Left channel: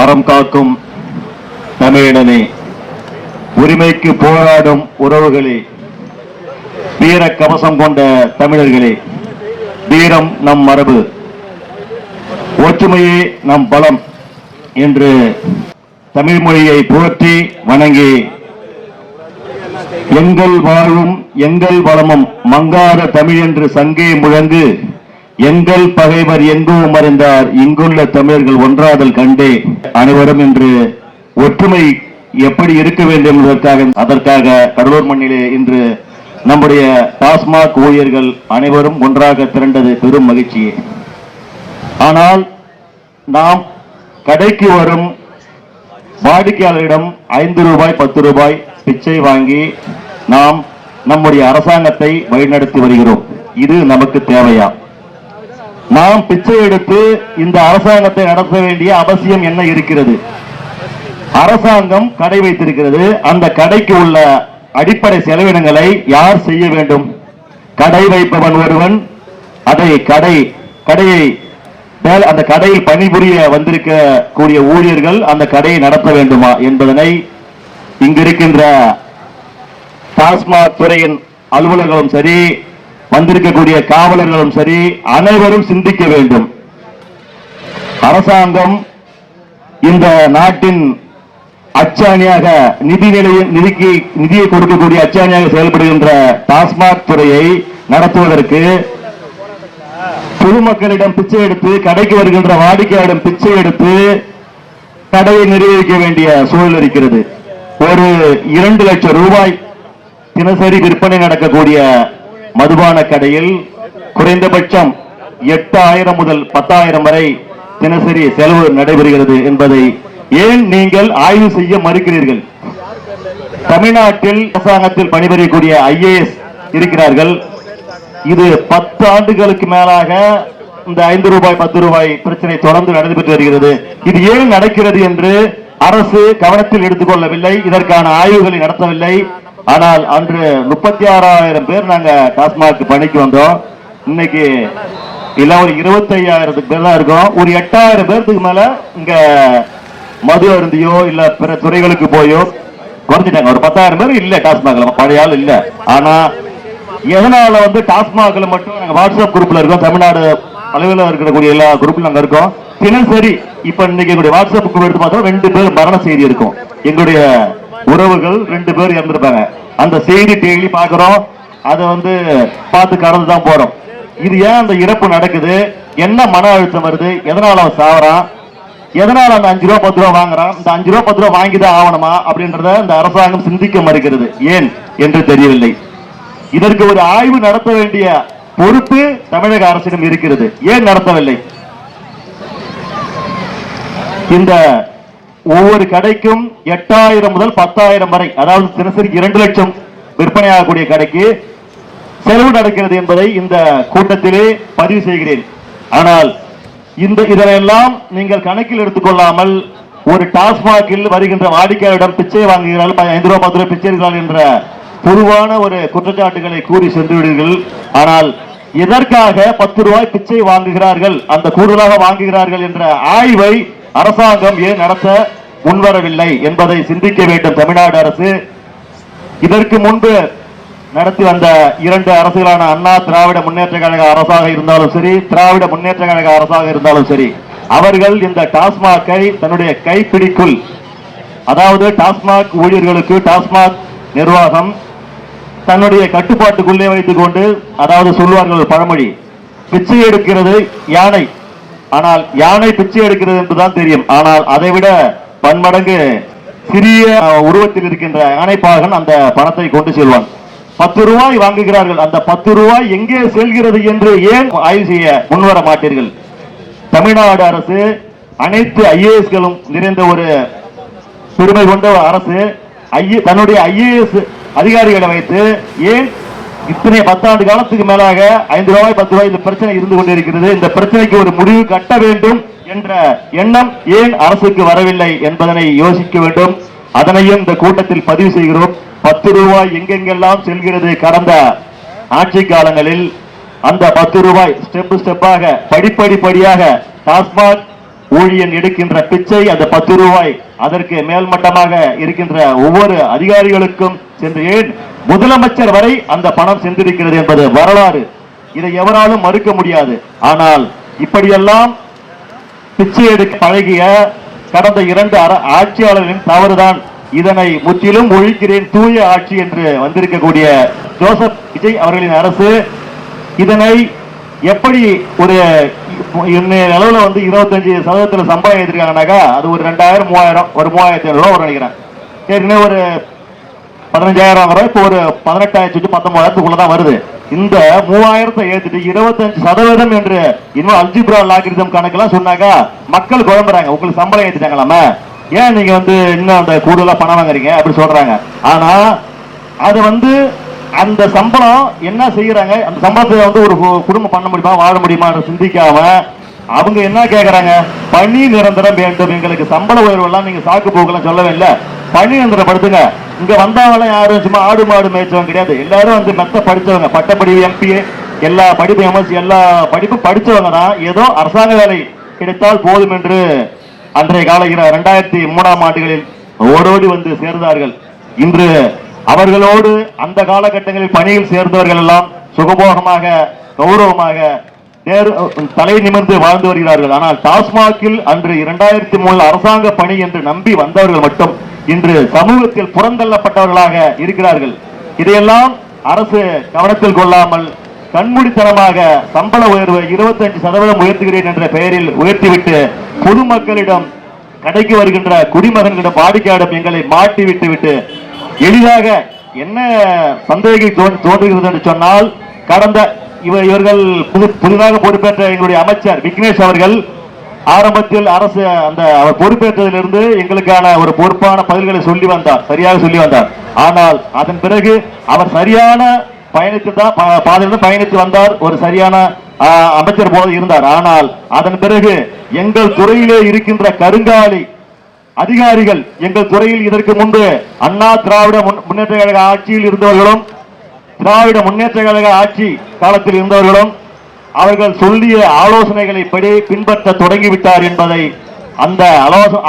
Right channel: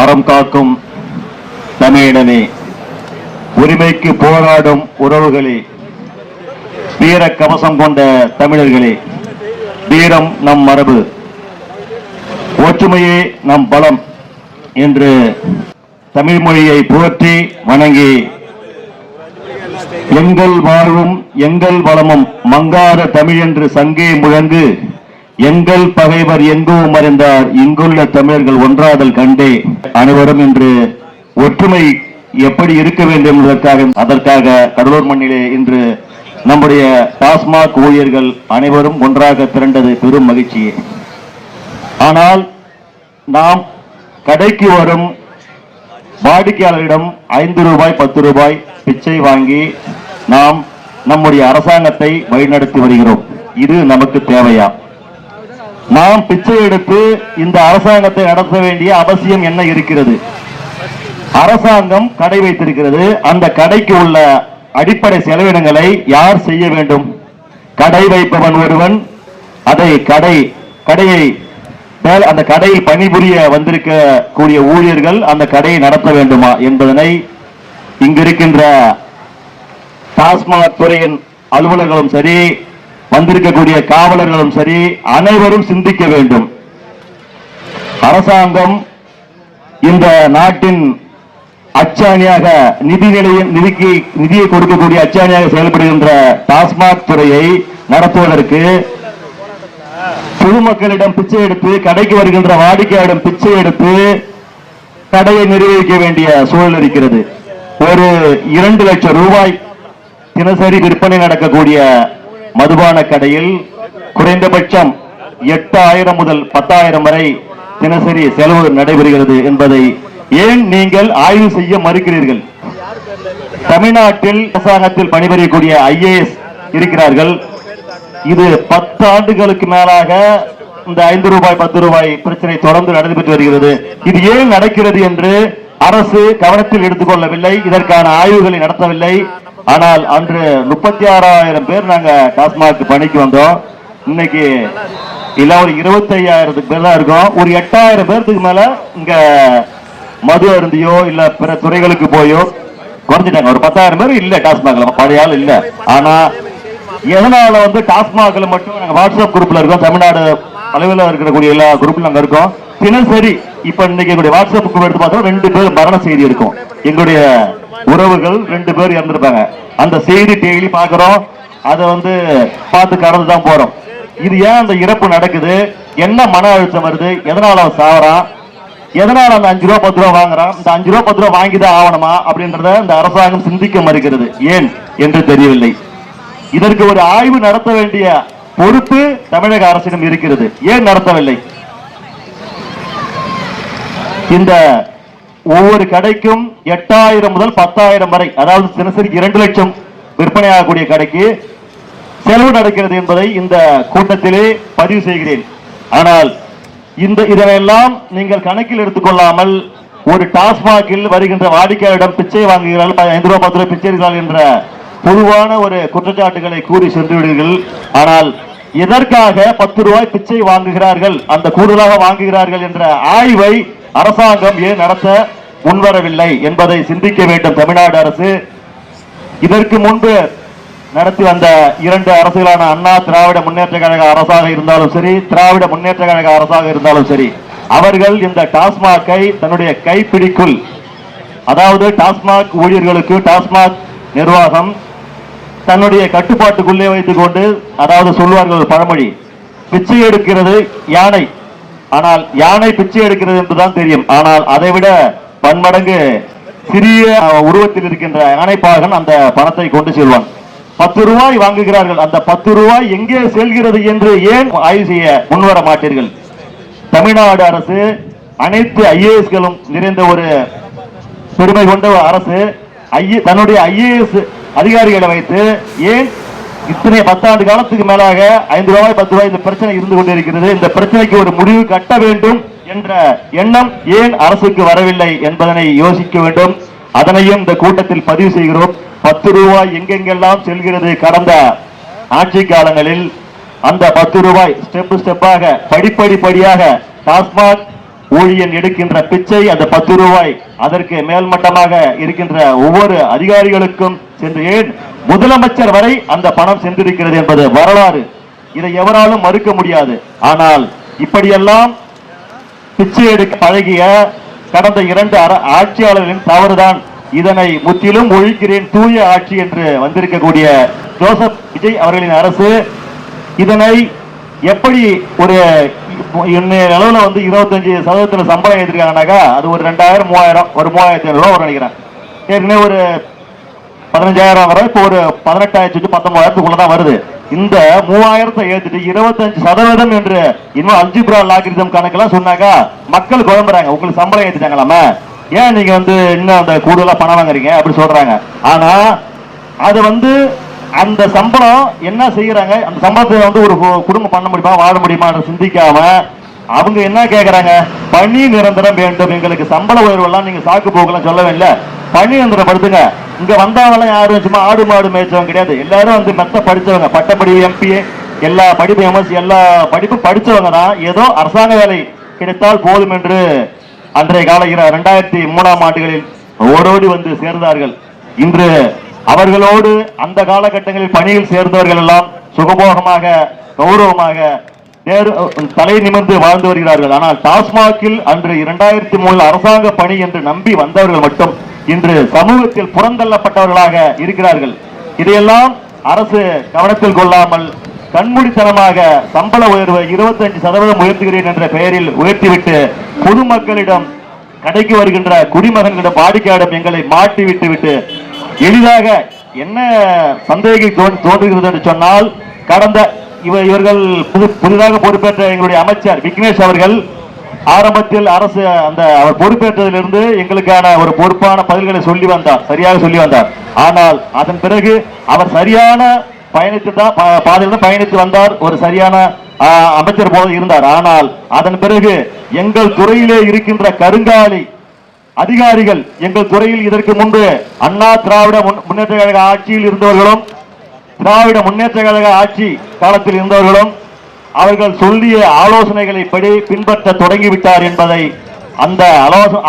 அறம் காக்கும் தமிழனே, உரிமைக்கு போராடும் உறவுகளே, வீர கவசம் கொண்ட தமிழர்களே, வீரம் நம் மரபு, ஒற்றுமையே நம் பலம் என்று தமிழ் மொழியை போற்றி வணங்கி, எங்கள் வாழ்வும் எங்கள் வளமும் மங்காத தமிழ் என்று சங்கே முழங்கு, எங்கள் பகைவர் எங்கும் மறைந்தார் இங்குள்ள தமிழர்கள் ஒன்றாதல் கண்டே, அனைவரும் இன்று ஒற்றுமை எப்படி இருக்க வேண்டும் என்பதற்காக அதற்காக கடலூர் மண்ணிலே இன்று நம்முடைய டாஸ்மாக் ஊழியர்கள் அனைவரும் ஒன்றாக திரண்டது பெரும் மகிழ்ச்சியே. ஆனால் நாம் கடைக்கு வரும் வாடிக்கையாளரிடம் 5 ரூபாய் 10 ரூபாய் பிச்சை வாங்கி நாம் நம்முடைய அரசாங்கத்தை வழிநடத்தி வருகிறோம். இது நமக்கு தேவையா? நாம் பிச்சை எடுத்து இந்த அரசாங்கத்தை நடத்த வேண்டிய அவசியம் என்ன இருக்கிறது? அரசாங்கம் கடை வைத்திருக்கிறது. அந்த கடைக்கு உள்ள அடிப்படை செலவினங்களை யார் செய்ய வேண்டும்? கடை வைப்பவன் ஒருவன், அதை கடையை அந்த கடையில் பணிபுரிய வந்திருக்க கூடிய ஊழியர்கள் அந்த கடையை நடத்த வேண்டுமா என்பதனை இங்கிருக்கின்ற டாஸ்மாக் துறையின் அலுவலர்களும் சரி, வந்திருக்கக்கூடிய காவலர்களும் சரி, அனைவரும் சிந்திக்க வேண்டும். அரசாங்கம் இந்த நாட்டின் அச்சாணியாக நிதியை கொடுக்கக்கூடிய அச்சாணியாக செயல்படுகின்ற டாஸ்மாக் துறையை நடத்துவதற்கு பொதுமக்களிடம் பிச்சை எடுத்து, கடைக்கு வருகின்ற வாடிக்கையாளரிடம் பிச்சை எடுத்து கடையை நிர்வகிக்க வேண்டிய சூழல் இருக்கிறது. ஒரு 2 லட்சம் ரூபாய் தினசரி விற்பனை நடக்கக்கூடிய மதுபான கடையில் குறைந்தபட்சம் 8000 முதல் 10,000 வரை தினசரி செலவு நடைபெறுகிறது என்பதை ஏன் நீங்கள் ஆய்வு செய்ய மறுக்கிறீர்கள்? தமிழ்நாட்டில் அரசாங்கத்தில் பணிபுரியக்கூடிய IAS இருக்கிறார்கள். இது 10 ஆண்டுகளுக்கு மேலாக இந்த 5 ரூபாய் 10 ரூபாய் பிரச்சனை தொடர்ந்து நடைபெற்று வருகிறது. இது ஏன் நடக்கிறது என்று அரசு கவனத்தில் எடுத்துக்கொள்ளவில்லை, இதற்கான ஆய்வுகளை நடத்தவில்லை. ஆனால் அன்று 36,000 பேர் நாங்க டாஸ்மாக் பணிக்கு வந்தோம். இன்னைக்கு இல்ல ஒரு 25,000 பேர் தான் இருக்கோம். ஒரு 8,000 பேருக்கு மேல இங்க மது அருந்தியோ இல்ல பிற துறைகளுக்கு போயோ குறைஞ்சிட்டாங்க. ஒரு 10,000 பேர் இல்ல டாஸ்மாக்ல, பழைய ஆள் இல்ல. ஆனா எதனால டாஸ்மாக்ல மட்டும் நாங்க வாட்ஸ்அப் குரூப்ல இருக்கோம். தமிழ்நாடு அளவில் இருக்கக்கூடிய எல்லா குரூப்ல நாங்க இருக்கோம். தினசரி இப்ப இன்னைக்கு எங்களுடைய வாட்ஸ்அப் குரூப் எடுத்து பார்த்தோம், 2 பேர் மரண செய்தி இருக்கும். எங்களுடைய உறவுகள் 2 பேர் இறந்திருப்பாங்க. அந்த செய்தி டெய்லி பாக்குறோம். அதை பார்த்து கடந்து தான் போறோம். இது ஏன் அந்த இறப்பு நடக்குது? என்ன மன அழுத்தம் வருது? எதனால அவன் சாவறான்? எதனால அந்த 5 ரூபா 10 ரூபா வாங்குறான்? இந்த 5 ரூபா 10 ரூபா வாங்கிதான் ஆகணுமா அப்படின்றத இந்த அரசாங்கம் சிந்திக்க மறுக்கிறது. ஏன் என்று தெரியவில்லை. இதற்கு ஒரு ஆய்வு நடத்த வேண்டிய பொறுப்பு தமிழக அரசிடம் இருக்கிறது. ஏன் நடத்தவில்லை? இந்த ஒவ்வொரு கடைக்கும் 8,000 முதல் 10,000 வரை, அதாவது தினசரி 2 லட்சம் விற்பனையாகக்கூடிய கடைக்கு செலவு நடக்கிறது என்பதை இந்த கூட்டத்திலே பதிவு செய்கிறேன். ஆனால் இதெல்லாம் நீங்கள் கணக்கில் எடுத்துக்கொள்ளாமல் ஒரு டாஸ்மாகில் வருகின்ற வாடிக்கையாளரிடம் பிச்சை வாங்குகிறார்கள், 5 ரூபாய் 10 ரூபாய் பிச்சை எடுக்கிறார்கள் என்ற பொதுவான ஒரு குற்றச்சாட்டுகளை கூறி சென்று விடுவீர்கள். ஆனால் எதற்காக 10 ரூபாய் பிச்சை வாங்குகிறார்கள், அந்த கூடுதலாக வாங்குகிறார்கள் என்ற ஆய்வை அரசாங்கம் ஏன் நடத்த முன்வரவில்லை என்பதை சிந்திக்க வேண்டும் தமிழ்நாடு அரசு. இதற்கு முன்பு நடத்தி வந்த 2 அரசுகளான அண்ணா திராவிட முன்னேற்ற கழக அரசாக இருந்தாலும் சரி, திராவிட முன்னேற்ற கழக அரசாக இருந்தாலும் சரி, அவர்கள் இந்த டாஸ்மாகை தன்னுடைய கைப்பிடிக்குள், அதாவது டாஸ்மாக் ஊழியர்களுக்கு டாஸ்மாக் நிர்வாகம் தன்னுடைய கட்டுப்பாட்டுக்குள்ளே வைத்துக் கொண்டு, அதாவது சொல்வார்கள் பழமொழி, பிச்சை எடுக்கிறது யானை, ஆனால் யானை பிச்சை எடுக்கிறது என்றுதான் தெரியும். ஆனால் அதைவிட பன்மடங்கு சிறிய உருவத்தில் இருக்கின்ற யானைப்பாகன் அந்த பணத்தை கொண்டு செல்வான். 10 ரூபாய் வாங்குகிறார்கள். அந்த 10 ரூபாய் எங்கே செல்கிறது என்று ஏன் ஆய்வு செய்ய முன்வர மாட்டீர்கள்? தமிழ்நாடு அரசு அனைத்து IASகளும் நிறைந்த ஒரு பெருமை கொண்ட அரசு தன்னுடைய IAS அதிகாரிகளை வைத்து ஏன் இத்தனை 10 ஆண்டு காலத்துக்கு மேலாக 5 ரூபாய் 10 ரூபாய் இந்த பிரச்சனை இருந்து கொண்டிருக்கிறது? இந்த பிரச்சனைக்கு ஒரு முடிவு கட்ட வேண்டும் என்ற எண்ணம் ஏன் அரசுக்கு வரவில்லை என்பதனை யோசிக்க வேண்டும். அதனையும் இந்த கூட்டத்தில் பதிவு செய்கிறோம். 10 ரூபாய் எங்கெங்கெல்லாம் செல்கிறது? கடந்த ஆட்சி காலங்களில் அந்த 10 ரூபாய் ஸ்டெப்பாக படிப்படியாக டாஸ்மாக் ஊழியன் எடுக்கின்ற பிச்சை அந்த 10 ரூபாய் அதற்கு மேல்மட்டமாக இருக்கின்ற ஒவ்வொரு அதிகாரிகளுக்கும் சென்று ஏன் முதலமைச்சர் வரை அந்த பணம் சென்றிருக்கிறது என்பது வரலாறு. இதை எவராலும் மறுக்க முடியாது. ஆனால் இப்படியெல்லாம் பிச்சை எடுக்க பழகிய கடந்த 2 ஆட்சியாளர்களின் தவறுதான். இதனை முற்றிலும் ஒழிக்கிறேன் தூய ஆட்சி என்று வந்திருக்கக்கூடிய ஜோசப் விஜய் அவர்களின் அரசு இதனை எப்படி ஒரு அளவுல 25% சம்பளம் ஏற்றிருக்காங்கனாக்கா அது ஒரு 2000 3000 ஒரு 3500 ரூபாய் வரும் நினைக்கிறேன். ஏற்கனவே ஒரு 15000 வரும். இப்போ ஒரு 18,000 19,000 வருது. இந்த 3000 ஏத்துட்டு 25% என்று இன்னும் அல்ஜிப்ரா லாகிரிதம் கணக்கெல்லாம் சொன்னாக்கா மக்கள் குழம்புறாங்க. உங்களுக்கு சம்பளம் ஏத்திட்டாங்களாம, ஏன் நீங்க இன்னும் அந்த கூடுதலா பணம் வாங்குறீங்க அப்படி சொல்றாங்க. ஆனா அது அந்த சம்பளம் என்ன செய்யறாங்க, அந்த சம்பளத்தை ஒரு குடும்பம் பண்ண முடியுமா வாழ முடியுமா சிந்திக்காம அவங்க என்ன கேட்கறாங்க, பணி நிரந்தரம் வேண்டும், எங்களுக்கு சம்பள உயர்வு எல்லாம் நீங்க சாக்கு போகலாம் சொல்லவே இல்லை, பணி நிரந்தரப்படுத்துங்க. இங்க வந்தவங்க யாரும் சும்மா ஆடு மாடு மேய்ச்சவங்க கிடையாது. எல்லாரும் மெத்த படிச்சவங்க, பட்டப்படிப்பு எம்பிஏ எல்லா படிப்பு எம்எஸ்சி எல்லா படிப்பு படிச்சவங்க தான். ஏதோ அரசாங்க வேலை கிடைத்தால் போதும் என்று அன்றைய கால 2003ஆம் ஆண்டுகளில் ஓடோடி சேர்ந்தார்கள். இன்று அவர்களோடு அந்த காலகட்டங்களில் பணியில் சேர்ந்தவர்கள் எல்லாம் சுகபோகமாக கௌரவமாக தலை நிமிர்ந்து வாழ்ந்து வருகிறார்கள். ஆனால் டாஸ்மாகில் அன்று 2003 அரசாங்க பணி என்று நம்பி வந்தவர்கள் மட்டும் இன்று சமூகத்தில் புறந்தள்ளப்பட்டவர்களாக இருக்கிறார்கள். இதையெல்லாம் அரசு கவனத்தில் கொள்ளாமல் கண்மூடித்தனமாக சம்பள உயர்வு 25% உயர்த்துகிறேன் என்ற பெயரில் உயர்த்திவிட்டு பொதுமக்களிடம் கடைக்கு வருகின்ற குடிமகன்களிடம் வாடிக்கையாளர் எங்களை மாட்டி விட்டு எளிதாக என்ன சந்தேகம் தோன்றுகிறது என்று சொன்னால், கடந்த இவர்கள் புதிதாக பொறுப்பேற்ற எங்களுடைய அமைச்சர் விக்னேஷ் அவர்கள் ஆரம்பத்தில் அரசு அவர் பொறுப்பேற்றதிலிருந்து எங்களுக்கான ஒரு பொறுப்பான பதில்களை சரியாக சொல்லி வந்தார். ஆனால் அதன் பிறகு அவர் சரியான பாதையிலிருந்து பயணித்து வந்தார், ஒரு சரியான அமைச்சர் போல இருந்தார். ஆனால் அதன் பிறகு எங்கள் துறையிலே இருக்கின்ற கருங்காலி அதிகாரிகள், எங்கள் துறையில் இதற்கு முன்பு அண்ணா திராவிட முன்னேற்ற கழக ஆட்சியில் இருந்தவர்களும் திராவிட முன்னேற்ற கழக ஆட்சி காலத்தில் இருந்தவர்களும் அவர்கள் சொல்லிய ஆலோசனைகளை படி பின்பற்ற தொடங்கிவிட்டார் என்பதை அந்த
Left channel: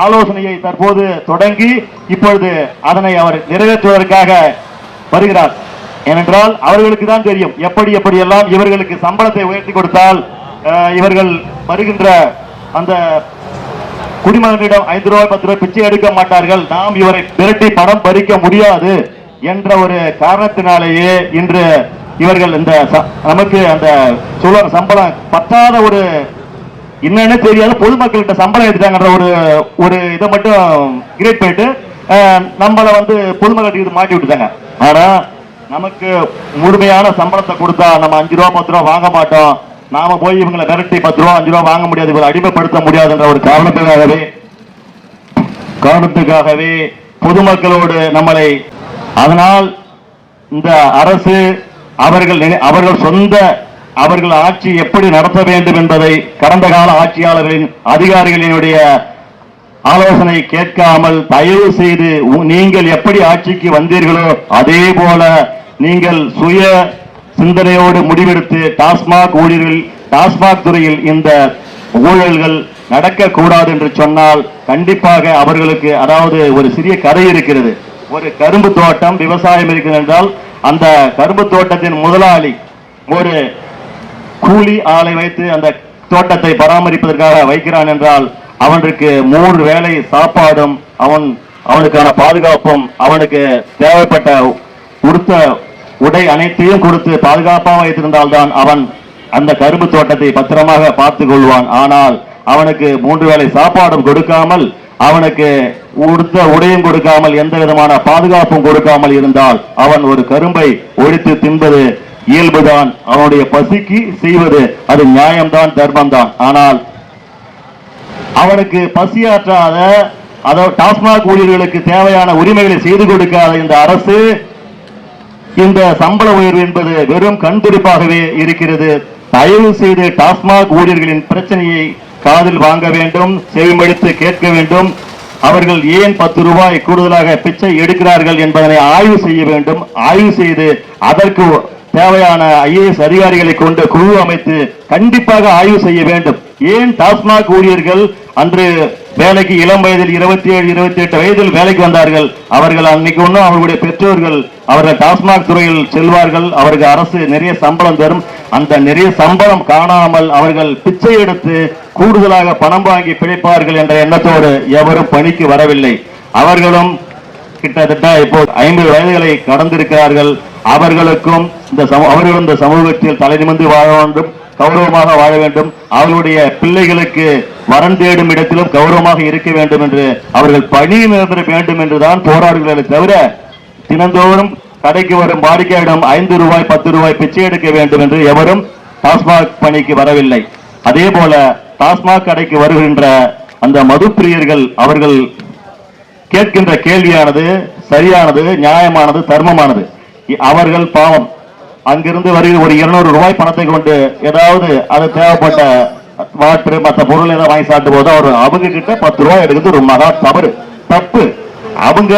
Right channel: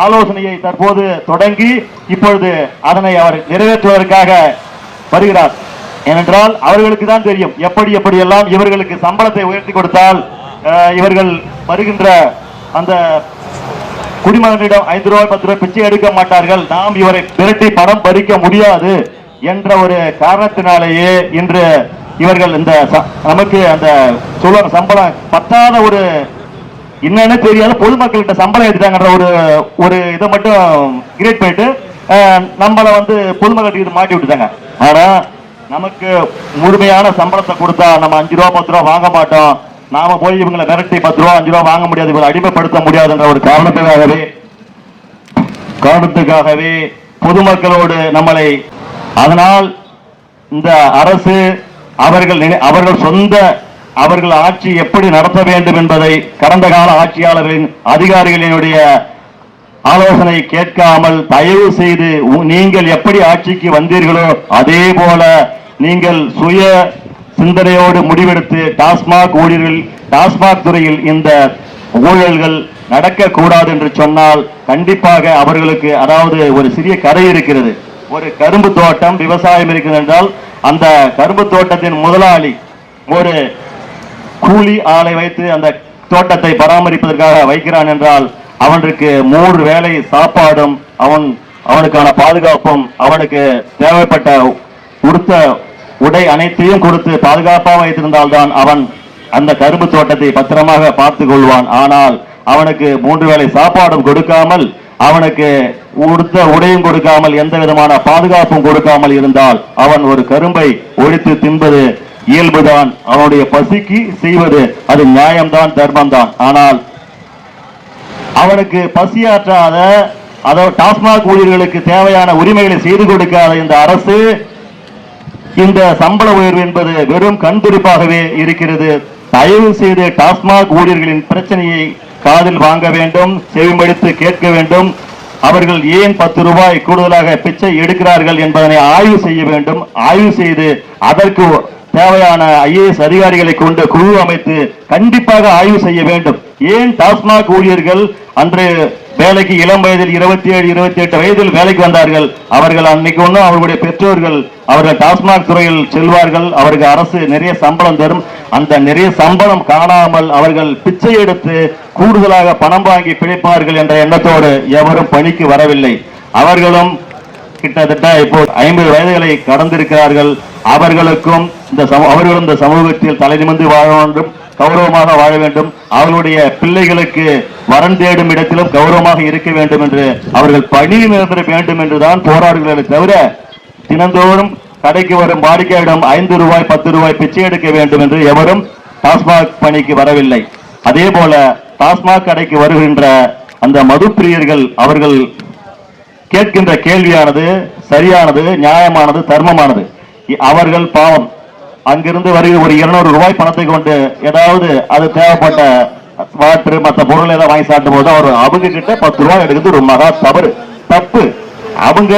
ஆலோசனையை தற்போது தொடங்கி இப்பொழுது அதனை அவர் நிறைவேற்றுவதற்காக வருகிறார். ஏனென்றால் அவர்களுக்கு தான் தெரியும் எப்படியெல்லாம் இவர்களுக்கு சம்பளத்தை உயர்த்தி கொடுத்தால் இவர்கள் வருகின்ற அந்த குடிமகனிடம் 5 ரூபாய் 10 ரூபாய் பிச்சை எடுக்க மாட்டார்கள், நாம் இவரை விரட்டி பணம் பறிக்க முடியாது என்ற ஒரு காரணத்தினாலேயே இன்று இவர்கள் நமக்கு அந்த சொல்ற சம்பளம் பத்தாத ஒரு என்னன்னு தெரியாத பொதுமக்கள்கிட்ட சம்பளம் எடுத்தாங்கன்ற ஒரு இதை மட்டும் கிரியேட் பண்ணிட்டு நம்மளை பொதுமக்களுக்கு மாட்டி விட்டுட்டாங்க. ஆனா நமக்கு முழுமையான சம்பளத்தை கொடுத்தா நம்ம 5 ரூபா 10 ரூபா வாங்க மாட்டோம், நாம போய் இவங்களை மிரட்டி 10 ரூபா 5 ரூபா வாங்க முடியாது, இவங்களை அடிமைப்படுத்த முடியாது என்ற ஒரு காரணத்துக்காகவே பொதுமக்களோடு நம்மளை. அதனால் இந்த அரசு அவர்கள் ஆட்சி எப்படி நடத்த வேண்டும் என்பதை கடந்த கால ஆட்சியாளர்களின் அதிகாரிகளினுடைய ஆலோசனை கேட்காமல் தயவு செய்து நீங்கள் எப்படி ஆட்சிக்கு வந்தீர்களோ அதே போல நீங்கள் சுய சிந்தனையோடு முடிவெடுத்து டாஸ்மாக் ஊழியர்கள் டாஸ்மாக் துறையில் இந்த ஊழல்கள் நடக்கக்கூடாது என்று சொன்னால் கண்டிப்பாக அவர்களுக்கு, அதாவது ஒரு சிறிய கதை இருக்கிறது, ஒரு கரும்பு தோட்டம் விவசாயம் இருக்கிறது என்றால் அந்த கரும்பு தோட்டத்தின் முதலாளி ஒரு கூலி ஆளை வைத்து அந்த தோட்டத்தை பராமரிப்பதற்காக வைக்கிறான் என்றால் அவனுக்கு 3 வேளை சாப்பாடும் அவனுக்கான பாதுகாப்பும் அவனுக்கு தேவைப்பட்ட உடுத்த உடை அனைத்தையும் கொடுத்து பாதுகாப்பாக வைத்திருந்தால்தான் அவன் அந்த கரும்பு தோட்டத்தை பத்திரமாக பார்த்துக் கொள்வான். ஆனால் அவனுக்கு 3 வேளை சாப்பாடும் கொடுக்காமல் அவனுக்கு உடுத்த உடையும் கொடுக்காமல் எந்த விதமான பாதுகாப்பும் கொடுக்காமல் இருந்தால் அவன் ஒரு கரும்பை ஒழித்து தின்பது இயல்புதான், அவனுடைய பசிக்கு செய்வது அது நியாயம்தான், தர்மம்தான். ஆனால் அவனுக்கு பசியாற்றாத, அதாவது டாஸ்மாக் ஊழியர்களுக்கு தேவையான உரிமைகளை செய்து கொடுக்காத இந்த அரசு இந்த சம்பள உயர்வு என்பது வெறும் கண்துடிப்பாகவே இருக்கிறது. தயவு செய்து டாஸ்மாக் ஊழியர்களின் பிரச்சனையை காதில் வாங்க வேண்டும், செவிமடித்து கேட்க வேண்டும். அவர்கள் ஏன் 10 ரூபாய் கூடுதலாக பிச்சை எடுக்கிறார்கள் என்பதனை ஆய்வு செய்ய வேண்டும். ஆய்வு செய்து அதற்கு தேவையான IAS அதிகாரிகளை கொண்டு குழு அமைத்து கண்டிப்பாக ஆய்வு செய்ய வேண்டும். ஏன் டாஸ்மாக் ஊழியர்கள் அன்று வேலைக்கு இளம் வயதில் 27, 28 வயதில் வேலைக்கு வந்தார்கள். அவர்கள் அன்னைக்கு ஒன்றும் அவர்களுடைய பெற்றோர்கள் அவர்கள் டாஸ்மாக் துறையில் செல்வார்கள். அவருக்கு அரசு நிறைய சம்பளம் தரும். அந்த நிறைய சம்பளம் காணாமல் அவர்கள் பிச்சை எடுத்து கூடுதலாக பணம் வாங்கி பிழைப்பார்கள் என்ற எண்ணத்தோடு எவரும் பணிக்கு வரவில்லை. அவர்களும் கிட்டத்தட்ட இப்போ 50 வயதுகளை கடந்திருக்கிறார்கள். அவர்களுக்கும் அவர்கள் இந்த சமூகத்தில் தலை நிமிர்ந்து வாழ வேண்டும், கௌரவமாக வாழ வேண்டும். அவர்களுடைய பிள்ளைகளுக்கு வரன் தேடும் இடத்திலும் கௌரவமாக இருக்க வேண்டும் என்று அவர்கள் பணி நிரந்தர வேண்டும் என்றுதான் போராடுகிறார்கள் தவிர தினந்தோறும் கடைக்கு வரும் வாடிக்கையாளரிடம் 5 ரூபாய் 10 ரூபாய் பிச்சை எடுக்க வேண்டும் என்று எவரும் டாஸ்மாக் பணிக்கு வரவில்லை. அதே போல டாஸ்மாக் கடைக்கு வருகின்ற அந்த மதுப்பிரியர்கள் அவர்கள் கேட்கின்ற கேள்வியானது சரியானது, நியாயமானது, தர்மமானது. அவர்கள் பாவம் அங்கிருந்து வருகிற ஒரு 200 ரூபாய் பணத்தை கொண்டு ஏதாவது அது தேவைப்பட்ட வாட்டர் மற்ற பொருள் ஏதாவது வாங்கி சாப்பிடும் போது அவங்க கிட்ட 10 ரூபாய் எடுக்கிறது ஒரு மகா தப்பு. அவங்க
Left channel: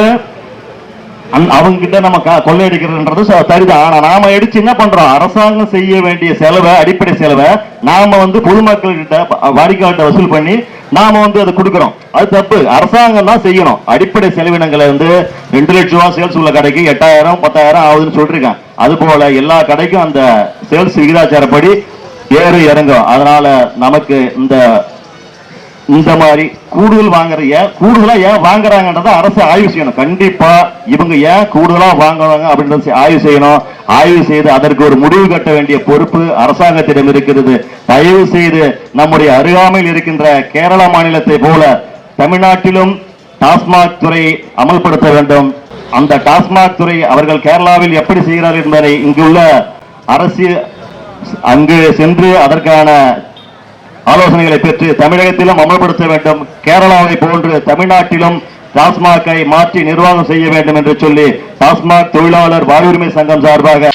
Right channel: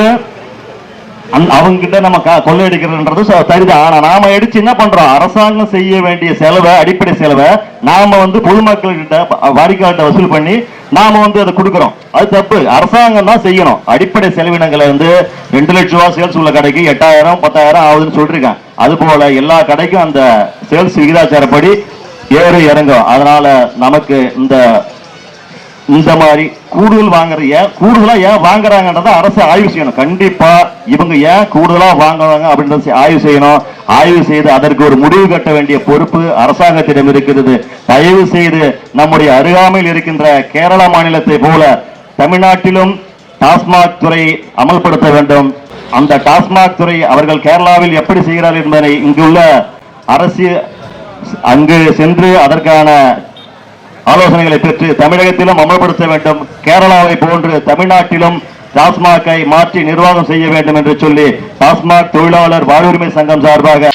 கிட்ட நம்ம கொள்ளையடிக்கிறதுன்றது சரிதான். ஆனா நாம எடுத்து என்ன பண்றோம்? அரசாங்கம் செய்ய வேண்டிய செலவை, அடிப்படை செலவை நாம பொதுமக்கள் கிட்ட வாடிக்கையாளர்கிட்ட வசூல் பண்ணி நாம அதை கொடுக்கிறோம். அது தப்பு. அரசாங்கம் தான் செய்யணும். அடிப்படை செலவினங்களை 2 லட்சம் ரூபாய் சேல்ஸ் உள்ள கடைக்கு 8000 10,000 ஆகுதுன்னு சொல்லிருக்காங்க. அது போல எல்லா கடைக்கும் அந்த சேல்ஸ் விகிதாச்சாரப்படி ஏறு இறங்கும். அதனால நமக்கு இந்த மாதிரி கூடுதலா ஏன் வாங்குறாங்கன்றத அரசு ஆய்வு செய்யணும். கண்டிப்பா இவங்க ஏன் கூடுதலா வாங்குறாங்க அப்படின்றத ஆய்வு செய்யணும். ஆய்வு செய்து அதற்கு ஒரு முடிவு கட்ட வேண்டிய பொறுப்பு அரசாங்கத்திடம் இருக்கிறது. தயவு செய்து நம்முடைய அருகாமையில் இருக்கின்ற கேரள மாநிலத்தை போல தமிழ்நாட்டிலும் டாஸ்மாக் துறை அமல்படுத்த வேண்டும். அந்த டாஸ்மாக் துறை அவர்கள் கேரளாவில் எப்படி செய்கிறார்கள் என்பதை இங்குள்ள அரசு அங்கு சென்று அதற்கான ஆலோசனைகளை பெற்று தமிழகத்திலும் அமல்படுத்த வேண்டும். கேரளாவை போன்று தமிழ்நாட்டிலும் டாஸ்மாகை மாற்றி நிர்வாகம் செய்ய வேண்டும் என்று சொல்லி டாஸ்மாக் தொழிலாளர் வாழ்வுரிமை சங்கம் சார்பாக